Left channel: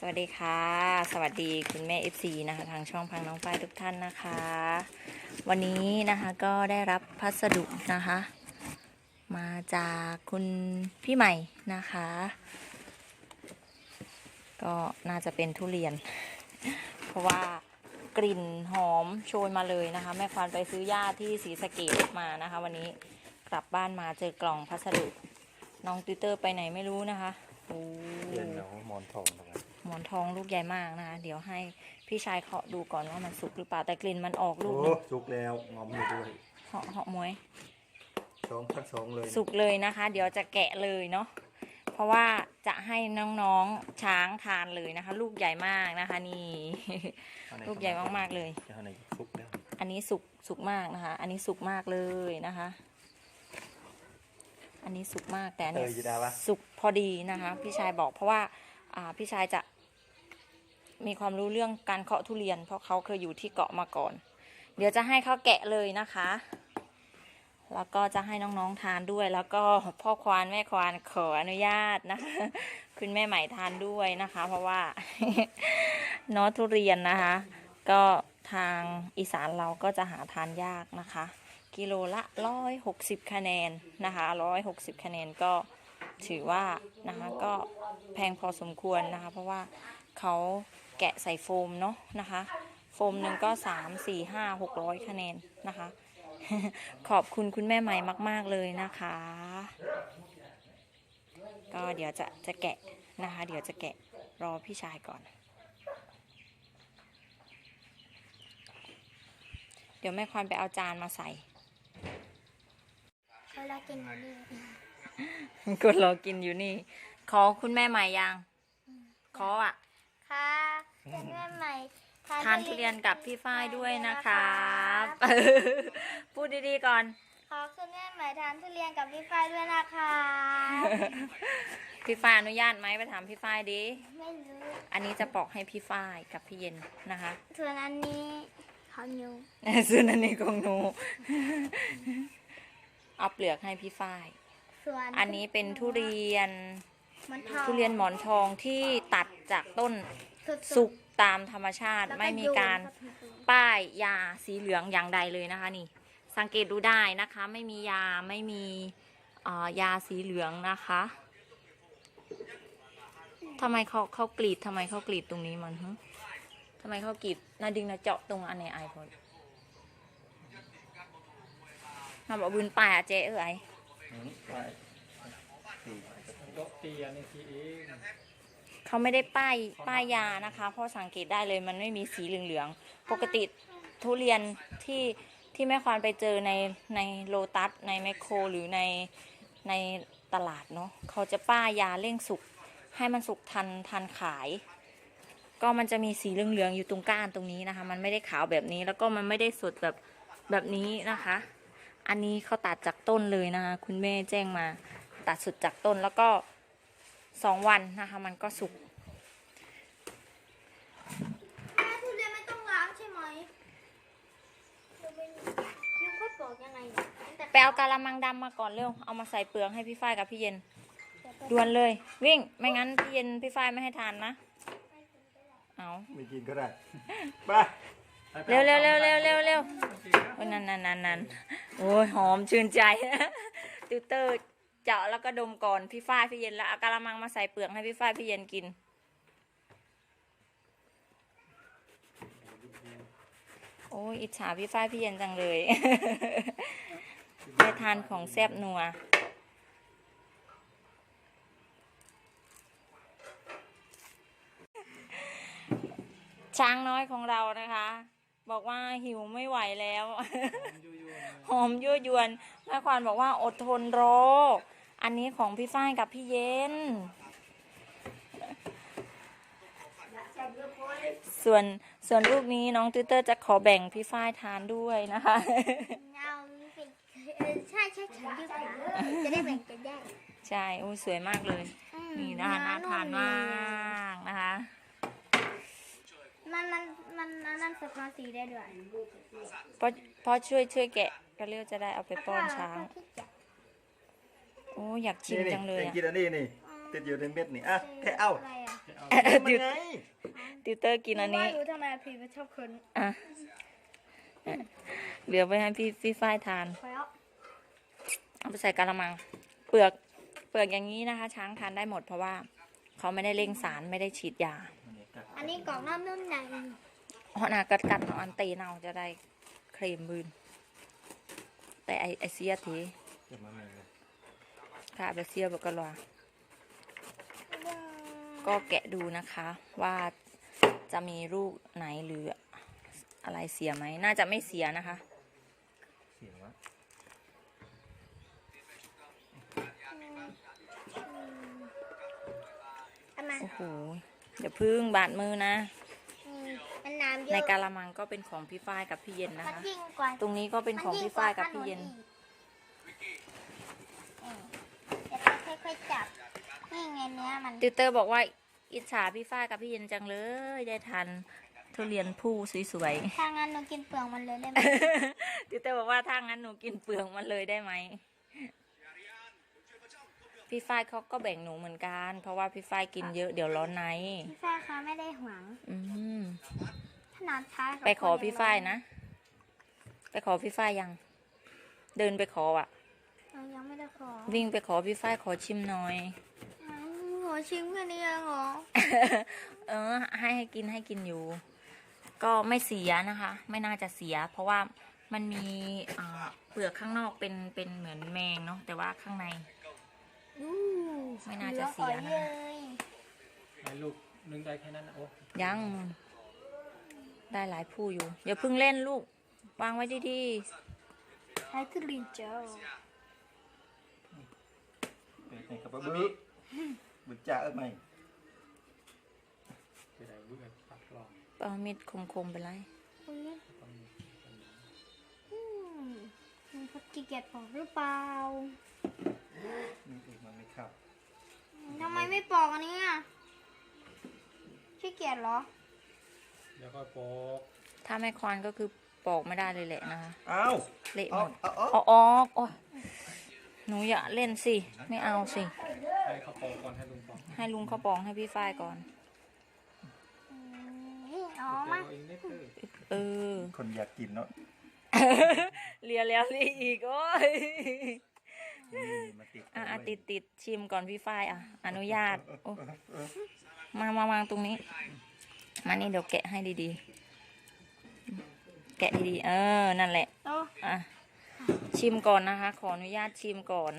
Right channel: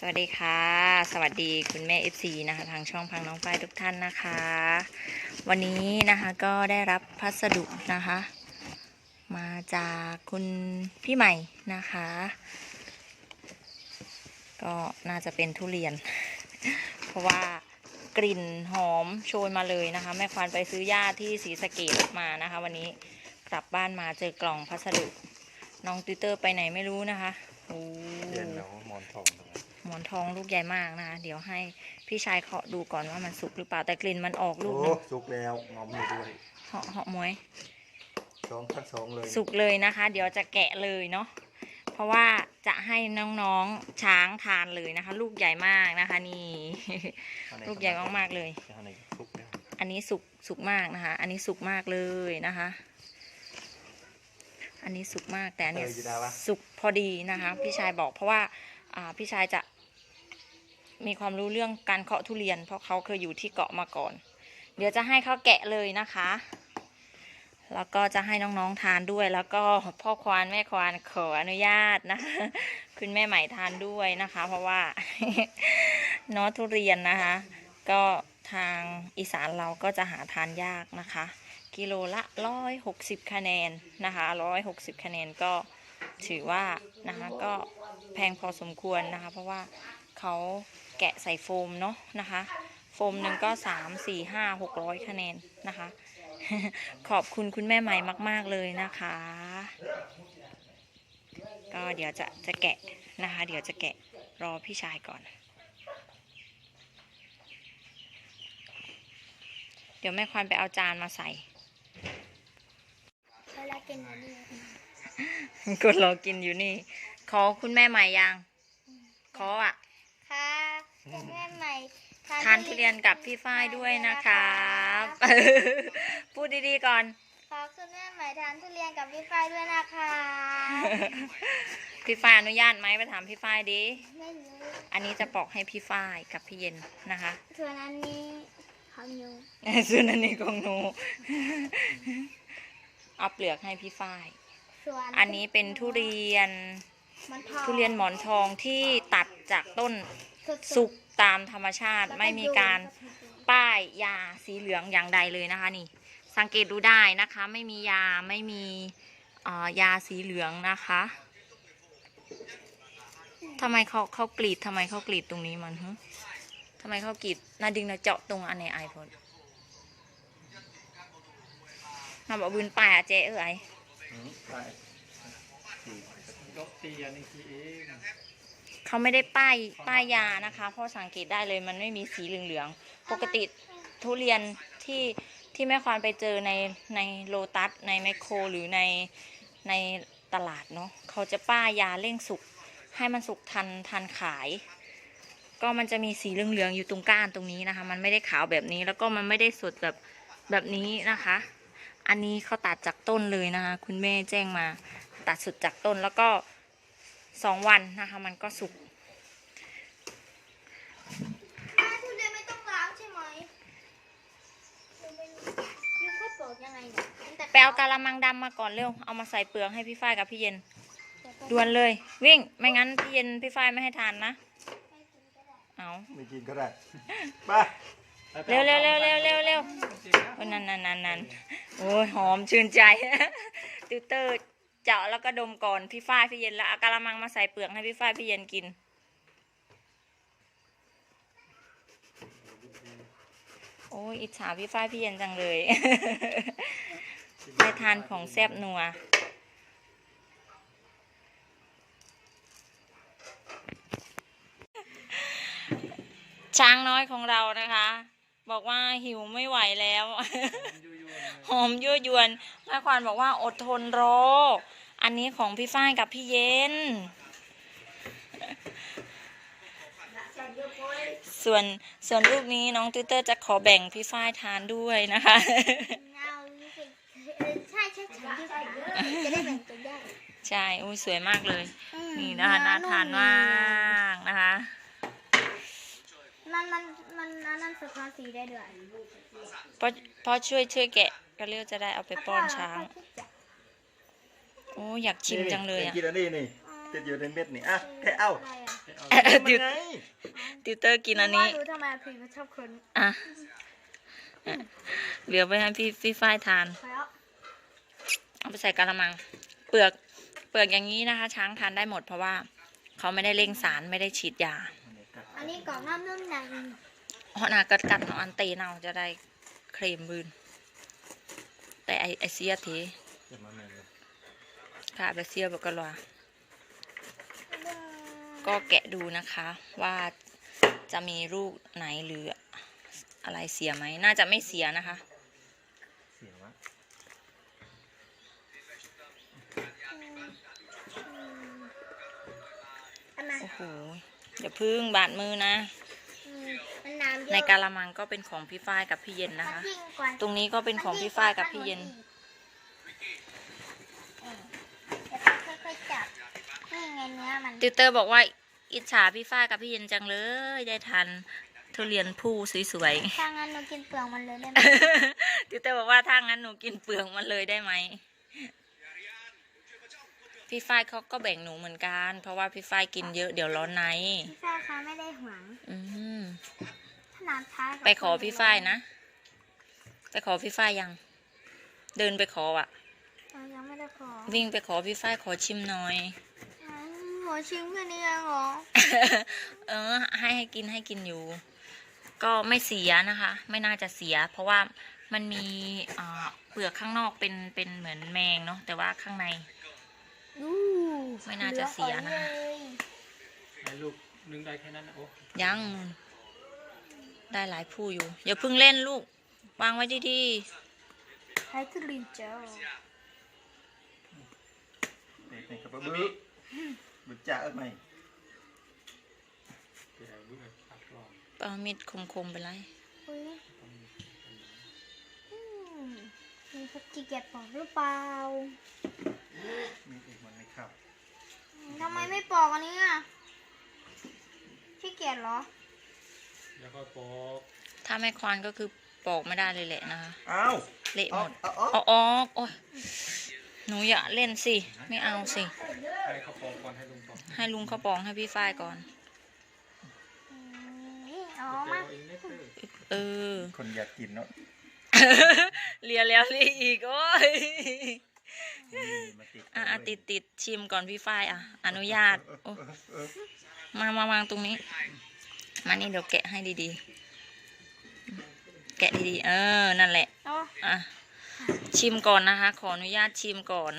สวัสดีค่ะ สวัสดีคุณแม่ FC นะคะ ทางช่องพังน้องฝ้ายทุกท่านนะคะ วันนี้นะคะก็ได้รับพัสดุนะคะ มาจากคุณพี่ใหม่นะคะ ก็น่าจะเป็นทุเรียน เพราะว่ากลิ่นหอมโชยมาเลยนะคะ แม่ควานไปซื้อหญ้าที่ศรีสะเกดมานะคะ วันนี้กลับบ้านมาเจอกล่องพัสดุ น้องติวเตอร์ไปไหนไม่รู้นะคะโอ้ เรียนน้องหมอนทองตรงนั้ หมอนทองลูกใหญ่มากนะคะ เดี๋ยวให้พี่ชายเคาะดูก่อนว่ามันสุกหรือเปล่าแต่กลิ่นมันออกลูกหนึโอ้งสุกแล้วงอมอยู่ด้วยเหาะเหาะมวยสองพันสองเลยสุกเลยนะคะ เดี๋ยวจะแกะเลยเนาะเพราะว่าจะให้น้องๆช้างทานเลยนะคะ ลูกใหญ่มากนะคะ นี่ ลูกใหญ่มากๆเลยเอาไหนสุกแล้วอันนี้สุกสุกมากนะคะ อันนี้สุกมากเลยนะคะ อันนี้สุกมากแต่อันเนี้ยสุกพอดีนะคะ พี่ชายบอกเพราะว่าอ่าพี่ชายจะ มีความรู้เรื่องการเคาะทุเรียน เพราะเขาเคยอยู่ที่เกาะมาก่อน เดี๋ยวจะให้เขาแกะเลยนะคะ แล้วก็จะให้น้องๆทานด้วย แล้วก็พ่อควานแม่ควานขออนุญาตนะคะคุณแม่ใหม่ทานด้วยนะคะ เพราะว่าเนอทุเรียนนะคะ ก็ทางอีสานเราก็จะหาทานยากนะคะ กิโลละร้อยหกสิบคะแนนนะคะร้อยหกสิบคะแนนก็ถือว่านะคะก็แพงพอสมควรนะคะ เพราะว่าเขา แกะใส่โฟมเนาะนะคะ โฟมหนึ่งก็สามสี่ห้าหกร้อยคะแนนนะคะ ขอบคุณคุณแม่ใหม่มาก ๆ เลยนะคะ ก็เดี๋ยวจะจะแกะนะคะ เดี๋ยวจะแกะรอพี่ชายก่อน เดี๋ยวแม่ควานไปเอาจานมาใส่เวลากินอะไรดีก็รอกินอยู่นี่ ขอคุณแม่ใหม่ยังขออะค่ะ เป็นแม่ใหม่ทานทุเรียนกับพี่ฝ้ายด้วยนะครับพูดดีๆก่อน ขอคุณแม่ใหม่ทานทุเรียนกับพี่ฝ้ายด้วยนะคะพี่ฝ้ายอนุญาตไหมไปถามพี่ฝ้ายดิไม่รู้อันนี้จะปอกให้พี่ฝ้ายกับพี่เย็นนะคะส่วนอันนี้ของหนูส่วนอันนี้ของหนูเอาเปลือกให้พี่ฝ้ายส่วนอันนี้เป็นทุเรียนมันทองทุเรียนหมอนทองที่ตัดจากต้นสุดๆสุก ตามธรรมชาติแล้วไม่มีโยนการเข้ไปดูป้ายยาสีเหลืองอย่างใดเลยนะคะนี่ สังเกตดูได้นะคะ ไม่มียาไม่มีเอ่อยาสีเหลืองนะคะทำไมเขาเขากรีดทำไมเขากรีดตรงนี้มันฮะทำไมเขากรีดนาดึงนาเจาะตรงอันในไอพอดนาบอกบืนป่ายอะเจ๊เอ้ยอืมไปสี่ยกตีอันนี้ทีเอง เขาไม่ได้ป้ายป้ายยานะคะเพราะสังเกตได้เลยมันไม่มีสีเหลืองๆปกติทุเรียนที่ที่แม่ควานไปเจอในในโลตัสในแมคโคร หรือในในตลาดเนาะเขาจะป้ายยาเร่งสุกให้มันสุกทันทันขาย ก็มันจะมีสีเหลืองๆอยู่ตรงก้านตรงนี้นะคะ มันไม่ได้ขาวแบบนี้แล้วก็มันไม่ได้สดแบบแบบนี้นะคะ อันนี้เขาตัดจากต้นเลยนะคะ คุณแม่แจ้งมาตัดสุดจากต้นแล้วก็ สองวันนะคะ มันก็สุกอ่าทุเรียนไม่ต้องล้างใช่ไหมยูก็ปอกยังไงเนี่ยตั้งแต่ไปเอากะละมังดำมาก่อนเร็ว เอามาใส่เปลือกให้พี่ฝ้ายกับพี่เย็นด่วนเลย วิ่งไม่งั้นพี่เย็นพี่ฝ้ายไม่ให้ทานนะ เอาไม่กินก็ได้ไปเร็วเร็วเร็วเร็วเร็วเร็วโอ้ยนั่นนั่นนั่นนั่นโอ้ยหอมชื่นใจติวเตอร์ เจาะแล้วก็ดมก่อนพี่ฝ้ายพี่เย็นแล้วเอากะละมังมาใส่เปลือกให้พี่ฝ้ายพี่เย็นกิน โอ้ยอิจฉาพี่ฝ้ายพี่เย็นจังเลยได้ทานของแซ่บนัวช้างน้อยของเรานะคะ บอกว่าหิวไม่ไหวแล้ว หอมยั่วยวนแม่ควานบอกว่าอดทนรอ อันนี้ของพี่ฝ้ายกับพี่เย็น ส่วนส่วนลูกนี้น้องติวเตอร์จะขอแบ่งพี่ฝ้ายทานด้วยนะคะเอานี่สิเออใช่ใช่ฉันยืดขาจะได้แบ่งกันได้ ใช่อุ้ยสวยมากเลย อืมนี่นะคะน่าทานมากนะคะ มันมันมันมันนั่นสะท้อนสีได้ด้วยเพราะเพราะช่วยช่วยแกะก็เรียกจะได้เอาไปป้อนช้าง โอ้อยากชิมจังเลยอะกินอันนี้นี่อ๋อติดอยู่ในเม็ดนี่อะแค่เอาอะไรอะแกเอาเอ่อมันติวไงติวเตอร์กินอันนี้ว่ารู้ทำไมพี่มันชอบคนอะเหลือไปให้พี่พี่ฝ้ายทานไปแล้วเอาไปใส่กะละมัง เปลือกเปลือกอย่างนี้นะคะ ช้างทานได้หมดเพราะว่าเขาไม่ได้เร่งสารไม่ได้ฉีดยา อันนี้กล่องน้ำน้ำหนักเพราะนากัดกัดเนาะอันตีเนาจะได้เครมบืน แต่ไอไอเสียที เดี๋ยวมาใหม่เลยค่ะไปเสียบกลวก็แกะดูนะคะว่าจะมีลูกไหนหรืออะไรเสียไหม น่าจะไม่เสียนะคะ เสียวะอันนั้นโอ้โหอย่าพึ่งบาดมือนะอืมมันน้ำเยอะในกาละมังก็เป็นของพี่ฝ้ายกับพี่เย็นนะคะมัยิ่งกว่าตรงนี้ก็เป็นของพี่ฝ้ายกับพี่เย็น อืมเดี๋ยวค่อยๆจับ นี่ไงเนื้อมันติวเตอร์บอกว่าอิจฉาพี่ฝ้ายกับพี่เย็นจังเลย ได้ทันทุเรียนผู้สวยถ้างั้นหนูกินเปลือกมันเลยได้ไหมๆ ติวเตอร์บอกว่าถ้างั้นหนูกินเปลือกมันเลยได้ไหมพี่ฝ้ายเขาก็แบ่งหนูเหมือนกัน เพราะว่าพี่ฝ้ายกินเยอะเดี๋ยวร้อนในพี่ฝ้ายคะไม่ได้หวงอืมถ้าน้ำท้ายไปขอพี่ฝ้ายนะ ไปขอพี่ฝ้ายยัง เดินไปขออะ เรายังไม่ได้ขอวิ่งไปขอพี่ฝ้ายขอชิมหน่อย อืมขอชิมแค่นี้เองเหรอ เออ ให้ให้กินให้กินอยู่ ก็ไม่เสียนะคะ ไม่น่าจะเสีย เพราะว่ามันมีอ่าเปลือกข้างนอกเป็นเป็นเหมือนแมงเนาะแต่ว่าข้างในอู้ไม่น่าจะเสียนะหลืออ่อเลยให้ลูกนึงได้แค่นั้นนะโอ้ยังได้หลายผู้อยู่ อย่าเพิ่งเล่นลูก วางไว้ดีใช้ทุเรียนเจ้าเด็กในกระเป๋า บึ้บึ้จ่าเอ้ยไหมเดี๋ยวลูกแบบปักวางๆเอามีดคมๆไปเลยอุ้ยต้องมีอืมมีเขาขี้เกียจปอกหรือเปล่ามีอีกมันไม่ครับทำไมไม่ปอกอันนี้อะขี้เกียจเหรอ แล้วก็ปอกถ้าไม่ควานก็คือปอกไม่ได้เลยแหละนะคะ อ้าวเละเอาหมด เอาเอาเอาออกโอ้ยหนูอย่าเล่นสิ ไม่เอาสิให้เขาปอกก่อน ให้ลุงปอกให้ลุงเขาปองให้พี่ฝ้ายก่อนอืมนี่เอ๋อเดี๋มายวเองเล็กเลยเออ คนอยากกินเนาะเลียแล้วเลียอีกโอ้ยนี่มาติดอะอะติดติดชิมก่อนพี่ฝ้ายอะ อนุญาตโอ้มามาวางตรงนี้ มานี่เดี๋ยวแกะให้ดีๆ แกะดีๆ เออ นั่นแหละโอ้อะชิมก่อนนะคะ ขออนุญาตชิมก่อน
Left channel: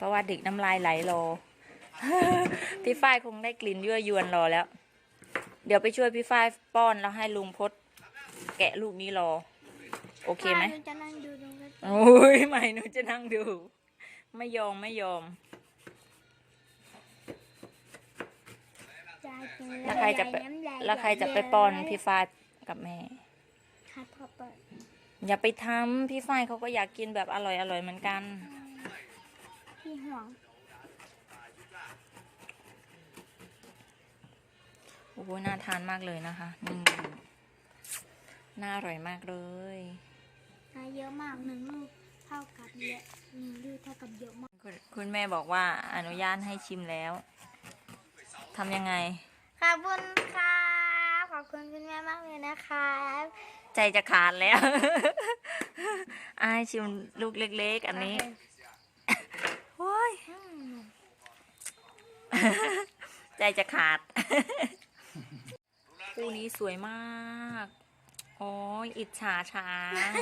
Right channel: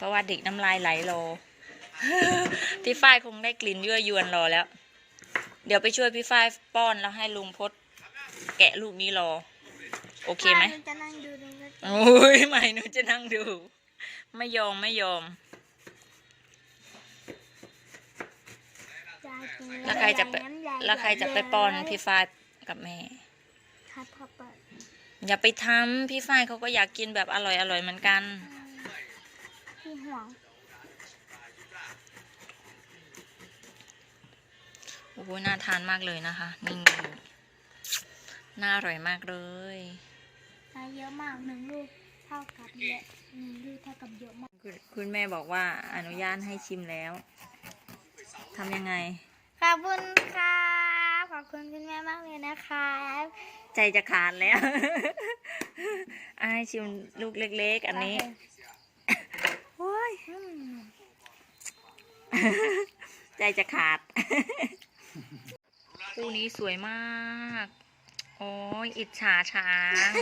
เพราะว่าเด็กน้ำลายไหลรอ พี่ฝ้ายคงได้กลิ่นยั่วยวนรอแล้ว เดี๋ยวไปช่วยพี่ฝ้ายป้อนแล้วให้ลุงพดแกะลูกนี้รอ โอเคไหมป้าจะนั่งดูดูนะโอ้ยไม่หนูจะนั่งดู ไม่ยอมไม่ยอมยายกินแล้วใครจะไปน้ำายแล้วใครจะไปป้อนพี่ฝ้ายกับแม่ ครับพ่อเปิดอย่าไปทำพี่ฝ้ายเขาก็อยากกินแบบอร่อยอร่อยเหมือนกัน พี่ห่วง โอ้โหน่าทานมากเลยนะคะ นี่น่าอร่อยมากเลยนะเยอะมากหนึ่งลูกเท่ากับเยอะหนึ่งลูกเท่ากับเยอะมากคุณคุณแม่บอกว่าอนุญาตให้ชิมแล้วทำยังไง ขอบคุณค่ะ ขอบคุณคุณแม่มากเลยนะคะใจจะขาดแล้ว อายชิมลูกเล็ก ๆ อันนี้โอ้ย อืม ใจจะขาด คู่นี้สวยมาก โอ้ยอิจฉาช้าง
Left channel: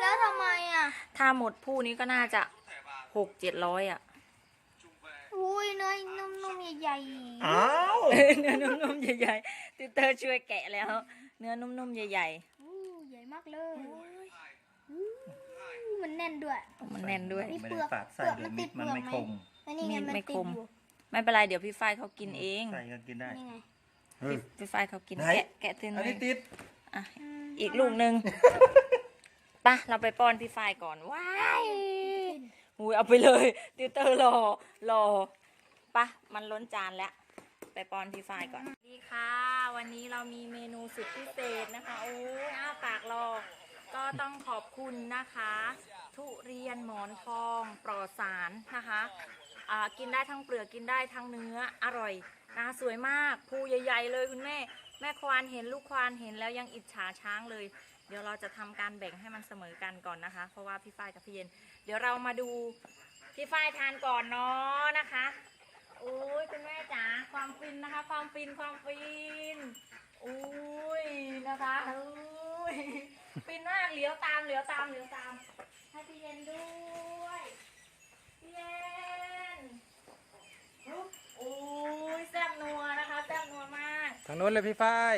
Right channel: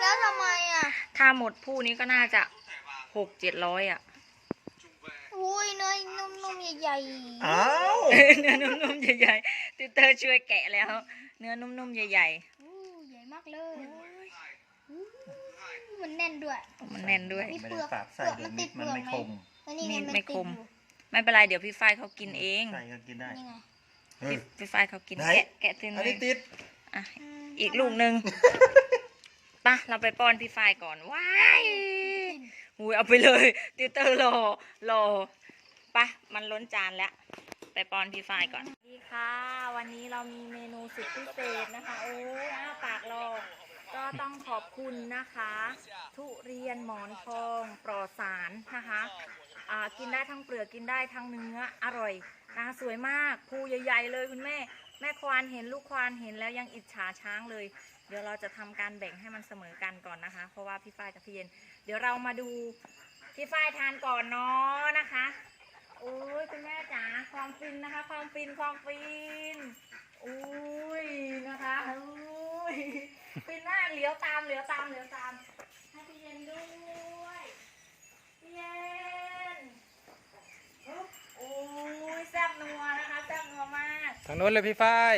แล้วทำไมอะ ถ้าหมดผู้นี้ก็น่าจะหกเจ็ดร้อยอะอุ้ยเนื้อนุ่มๆใหญ่อ้าวเนื้อนุ่มๆใหญ่ๆติวเตอร์ช่วยแกะแล้ว เนื้อนุ่มๆใหญ่ๆอู้ใหญ่มากเลยอู้มันแน่นด้วยๆมันแน่นด้วย มีไม่เปลืได้อกฝากใส่เดือนมิดมันไม่คมแล้วนี่ไงมีดมันไม่ติคดมอยู่ ไม่เป็นไรเดี๋ยวพี่ฝ้ายเขากินเองใส่ก็กินได้นี่ไงเฮ้ย พี่พี่ฝ้ายเขากินไหน แกะแกะตินอันเลนี้ยติดอะมอีกลูกหนึ่งปะเราไปป้อนพี่ฝ้ายก่อนว้ายอุ้ยเอาไปเลยติวเตอร์รอรอปะมันล้นจานแล้ว ไปป้อนพี่ฝ้ายก่อน สวัสดีค่ะ วันนี้เรามีเมนูสุดพิเศษนะคะโอ้ยอ้าปากรอก็ต้องขอบคุณนะคะ ทุเรียนหมอนทองปลอดสารนะคะอ่า กินได้ทั้งเปลือกกินได้ทั้งเนื้ออร่อยนะคะสวยมากภูใหญ่ ๆ เลยคุณแม่ แม่ควานเห็นลูกควานเห็นแล้วยังอิจฉาช้างเลย เดี๋ยวเราจะทำการแบ่งให้มันเสมอกันก่อนนะคะ เพราะว่าพี่ฝ้ายกับพี่เย็น เดี๋ยวเรามาดูพี่ฝ้ายทานก่อนเนาะนะคะโอ้ยคุณแม่จ๋าความฟินนะคะ ความฟินความฟินอุ้ยนะคะอุ้ยฟินมากเหลียวตามเหลียวตามเหลียวตามให้พี่เย็นด้วยพี่เย็นอุ๊บโอ้ยแซ่บ นัวนะคะแซ่บนัวมาก ทางโน้นเลยพี่ฝ้าย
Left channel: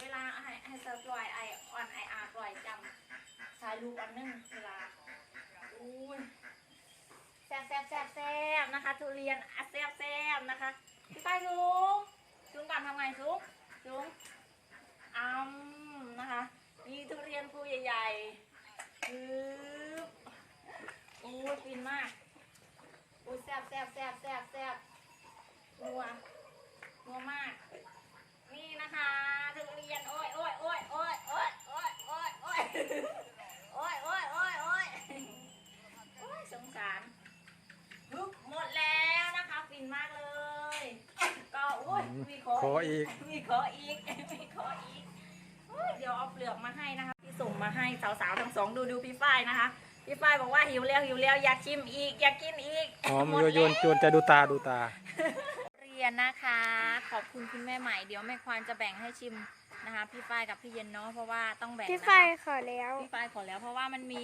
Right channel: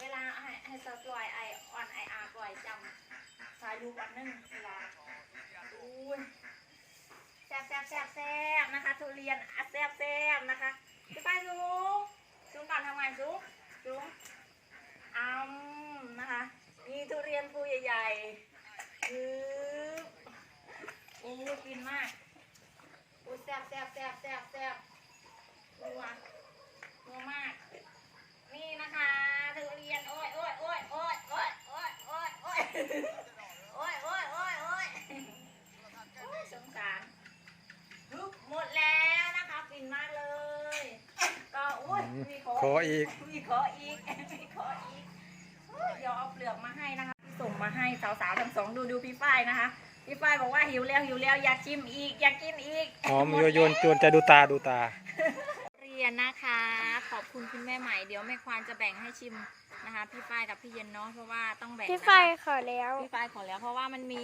เวลาให้ให้เซิร์ฟปล่อยไอออนไออาร์ปล่อยจำถ่ายรูปอันหนึงเวลาอุ้ยแซ่บแซ่บแซ่บแซ่บนะคะทุเรียนอะแซ่บแซ่บนะคะพี่ไปสูงสูงก่อนทำไงสูงสูงอ้ำนะคะ มีทุเรียนภูใหญ่ๆอืออู้ยฟินมากอู้แซ่บแซ่บแซ่บแซ่บแซ่บนัว นัวมาก นี่นะคะทุเรียน โอ้ยโอ้ยโอ้ยโอ้ยโอ้ยโอ้ยโอ้ยโอ้ยโอ้ยโอ้ยโอ้ยโอ้ยโอ้ยสงสารฮึบหมดแล้วนะคะฟินมากเลย ก็อุ้ยมีขอขออีกมีขออีกมีขออีกอุ๊ยเดี๋ยวเอาเปลือกมาให้นะคะที่ส่งมาให้สาวๆทั้งสองดูดูพี่ฝ้ายนะคะพี่ฝ้ายบอกว่าหิวแล้วหิวแล้วอยากชิมอีกอยากกินอีกหอมโยโยนจวนจะดูตาดูตาเรี ยนนะคะ ขอบคุณคุณแม่ใหม่เดี๋ยวแม่ควานจะแบ่งให้ชิมนะคะ พี่ฝ้ายกับพี่เย็นเนาะเพราะว่าต้องแบ่งพี่นะคะไฟขอแล้ว พี่ฝ้ายขอแล้วเพราะว่ามันมี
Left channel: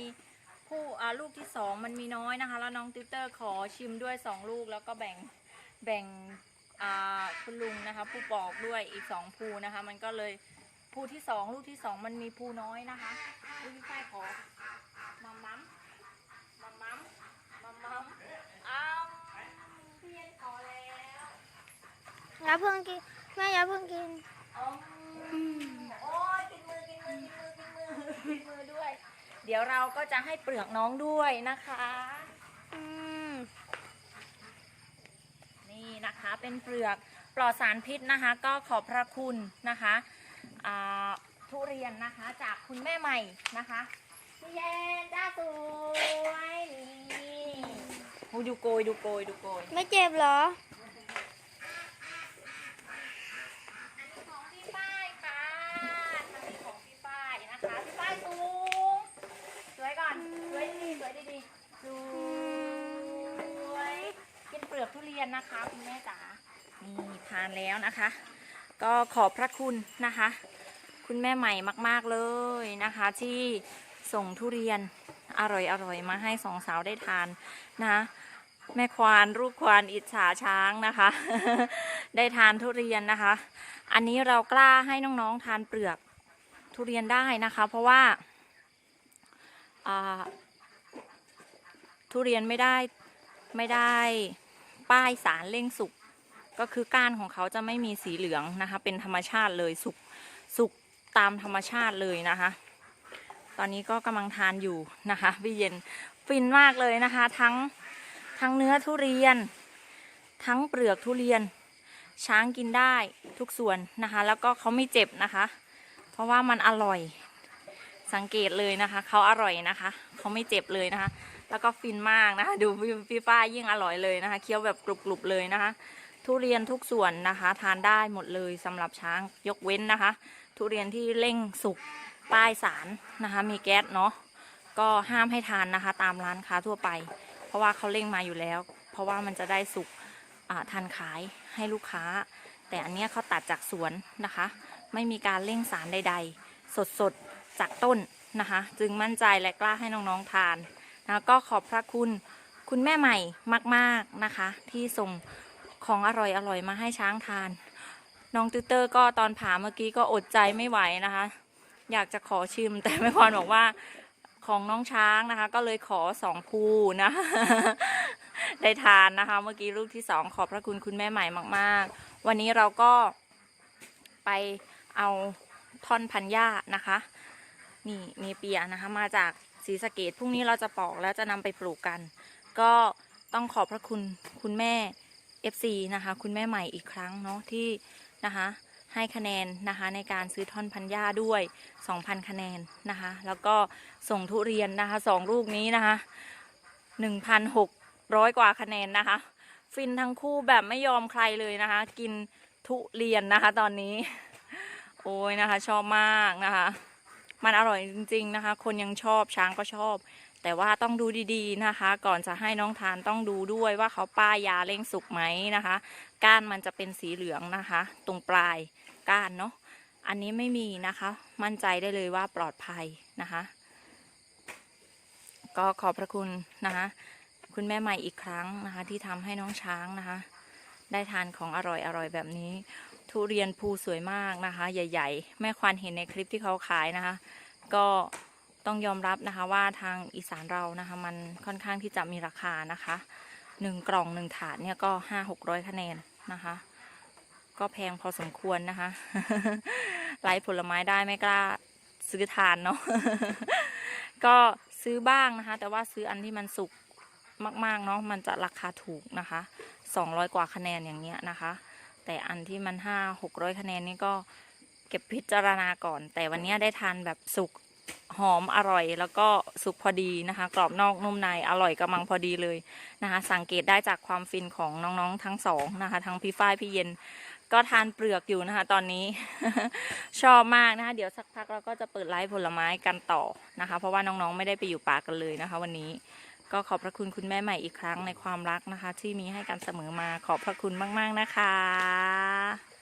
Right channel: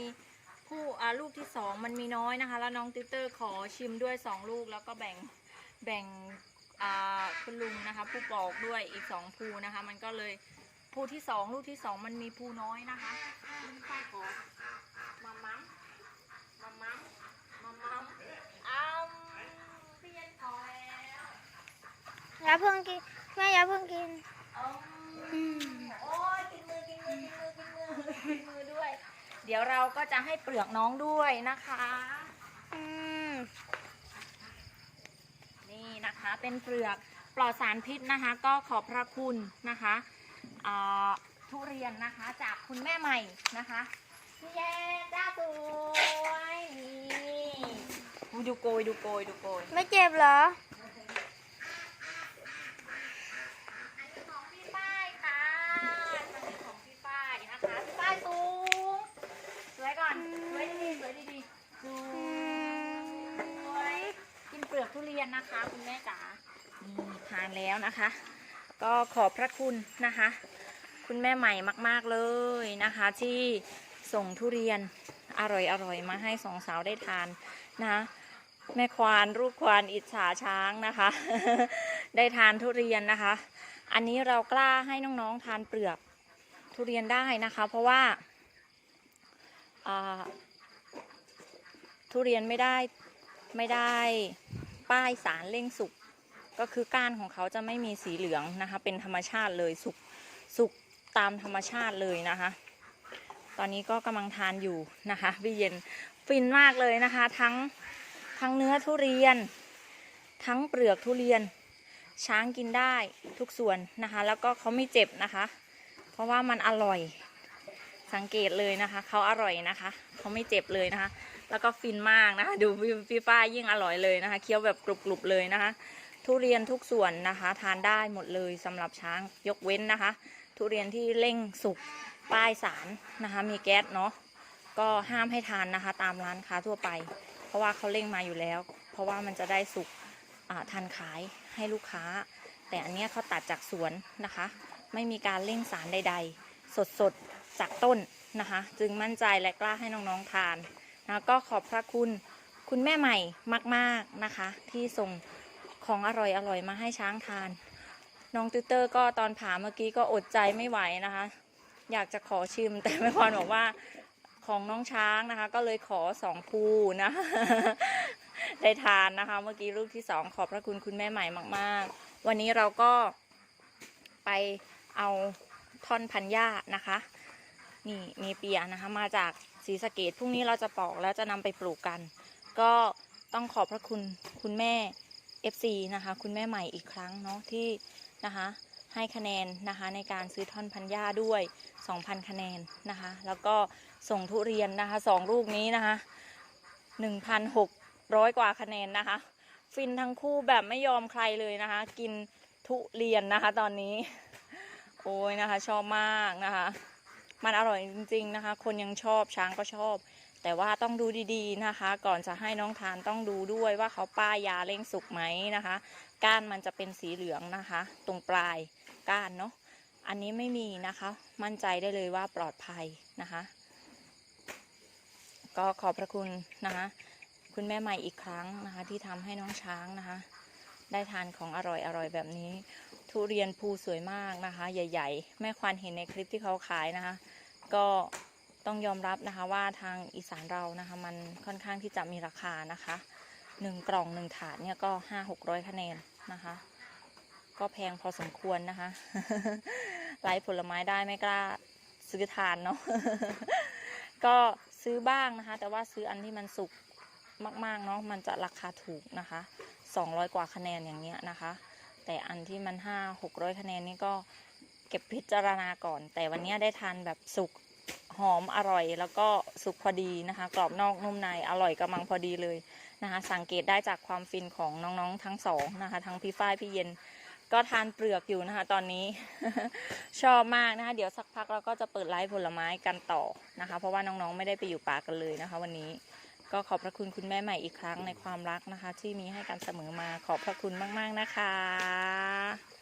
ผู้อ่าลูกที่สองมันมีน้อยนะคะ แล้วน้องติวเตอร์ขอชิมด้วยสองลูกแล้วก็แบ่งแบ่งอ่าคุณลุงนะคะ ผู้ปอกด้วยอีกสองภูนะคะ มันก็เลยภูที่สองลูกที่สองมันมีภูน้อยนะคะพี่ฝ้ายขอ เพิ่งกิน แม่อย่าเพิ่งกินอืมโอ้ยกินมือกินมือกินมือกินมือกินมือด้วย เดี๋ยวเราก็จะให้เปลือกน้องด้วยนะคะ อืมนี่นะคะเป็นเปลือกปลอดสารพิษนะคะ ก็ขอบพระคุณนะคะอ่าทุเรียนนะคะจากคุณแม่ใหม่นะคะพี่เย็นจ้าสวยนี่อุ๊ยดูโกยดูโกยดูโกยไม่เจ็บเหรอ อันนี้ของพี่ป้ายค่ะอันนี้ของพี่ป้ายนะคะพี่ป้ายสูงสวยก่อนสวยดีๆสวยดีๆสวยเป็นเปลือกทุเรียนนะคะคุณแม่จ๋านี่ทา นะคะ ก็ขอบพระคุณนะคะ คุณแม่ใหม่มากๆเลยนะคะ ที่ส่งทุเรียนอร่อยๆมาให้สองสาวได้ทานนะแม่ควานรูปควานอิจฉาช้างนะคะ ได้ทานทุเรียนนะคะ อันนี้เรากล้าให้น้องๆทานเปลือกทุเรียนได้นะคะ เพราะว่าอ่าทุเรียนไม่ได้ไม่ได้ป้ายสารเร่งสุก ก็คือก้านของเขาจะไม่มีสีเหลืองนะคะ เป็นธรรมชาติเลยสุกสุกตามธรรมชาติเลยนะคะ ตอนนี้ก็กำลังทานอยู่นะคะพี่เย็นฟินมากเลยนะคะ ทั้งทั้งเนื้อทุเรียน ทั้งเปลือกทุเรียน ช้างกินได้ทุกส่วนนะคะ แล้วก็เขาไม่เจ็บนะคะ เพราะว่ามันอร่อยสังเกตเลยนะคะเขาอร่อยนะคะเขาไม่เจ็บเลยนะคะ แล้วก็ฟินมากนะคะ ดูพี่ฝ้ายยิ่งอร่อยเลยนะคะเคี้ยวแบบกรุบๆเลยนะคะ ทุเรียนทุกส่วนนะคะ ทานได้หมดเลยสำหรับช้างยกเว้นนะคะ ทุเรียนที่เร่งสุกป้ายสารนะคะ มีแก๊สเนาะก็ห้ามให้ทานนะคะ ตามร้านค้าทั่วไป เพราะว่าเขาเร่งมาอยู่แล้ว เพราะว่ามันจะได้สุกอ่าทันขายให้ลูกค้า แต่อันนี้เขาตัดจากสวนนะคะ ไม่มีการเร่งสารใด ๆ สดๆจากต้นนะคะ จึงมั่นใจและกล้าให้น้องๆทานนะก็ขอบพระคุณคุณแม่ใหม่มาก ๆนะคะ ที่ส่ง ของอร่อยๆมาให้ช้างทาน น้องติวเตอร์ก็ตอนผ่าเมื่อกี้ก็อดใจไม่ไหวนะคะ อยากจะขอชิมแต่แม่พรบอกว่าของน้องช้างนะคะ ก็เลยขอสองภูนะได้ทานนะคะ เมื่อกี้ลูกที่สองขอบพระคุณคุณแม่ใหม่มาก ๆ วันนี้เราก็ไปเอาท่อนพันหญ้านะคะ นี่เนเปียนะคะ มาจากศรีสะเกดพรุ่งนี้เราจะปอกแล้วจะนำไปปลูกกัน ก็ต้องขอบพระคุณคุณแม่ FC นะคะ คุณแม่ใหม่อีกครั้งเนาะที่นะคะให้คะแนนนะคะในการซื้อท่อนพันหญ้าด้วย 2,000 คะแนนนะคะ แล้วก็ส่งทุเรียนนะคะสองลูกนี้นะคะ 1,600 กว่าคะแนนนะคะ ฟินทั้งคู่แบบไม่ยอมใครเลยนะคะ กินทุเรียนนะคะตอนนี้ โอ้ยนะคะ ชอบมากนะคะ มันอร่อยจริง ๆนะคะ คนยังชอบช้างก็ชอบ แต่ว่าต้องดูดีๆนะคะ ก่อนจะให้น้องทานต้องดูด้วยว่าเขาป้ายยาเร่งสุกไหมนะคะ ก้านมันจะเป็นสีเหลืองนะคะ ตรงปลายก้านเนาะอันนี้ไม่มีนะคะ มั่นใจได้เลยว่าปลอดภัยนะคะ ก็ขอบพระคุณนะคะ คุณแม่ใหม่อีกครั้งนะคะ ที่ทำให้น้องช้างนะคะ ได้ทานของอร่อยๆแบบนี้ ทุเรียนภูสวยมากนะคะ ใหญ่ ๆ แม่ควานเห็นในคลิปที่เขาขายนะคะ ก็ ต้องยอมรับนะคะว่าทางอีสานเรานะคะมันค่อนข้างที่จะมีราคานะคะหนึ่งกล่องหนึ่งถาดเนี่ยก็ห้าหกร้อยคะแนนนะคะ ก็แพงพอสมควรนะคะไล่ผลไม้ได้ไม่กล้าซื้อทานเนาะก็ซื้อบ้างนะคะ แต่ว่าซื้ออันที่มันสุกมาก ๆ เนาะมันจะราคาถูกนะคะสองร้อยกว่าคะแนนอย่างเงี้ยนะคะ แต่อันที่มันห้าหกร้อยคะแนนนี่ก็เก็บพิจารณาก่อน แต่วันนี้ได้ทานแบบสุก หอมอร่อย แล้วก็สุกพอดีนะคะ กรอบนอกนุ่มในอร่อยกำลังพอดีเลยนะคะ สังเกตได้จากความฟินของน้องๆทั้งสองนะคะ ทั้งพี่ฝ้ายพี่เย็นก็ทานเปลือกอยู่นะคะ ตอนนี้ ชอบมากนะคะ เดี๋ยวสักพักเราก็จะเปิดไลฟ์ผลไม้กันต่อนะคะ เพราะว่าน้องๆไม่ได้ไปอยู่ป่ากันเลยนะคะ วันนี้ก็ขอบพระคุณคุณแม่ใหม่อีกครั้งในความรักนะคะ ที่มีให้กันเสมอมาขอบพระคุณมาก ๆนะคะ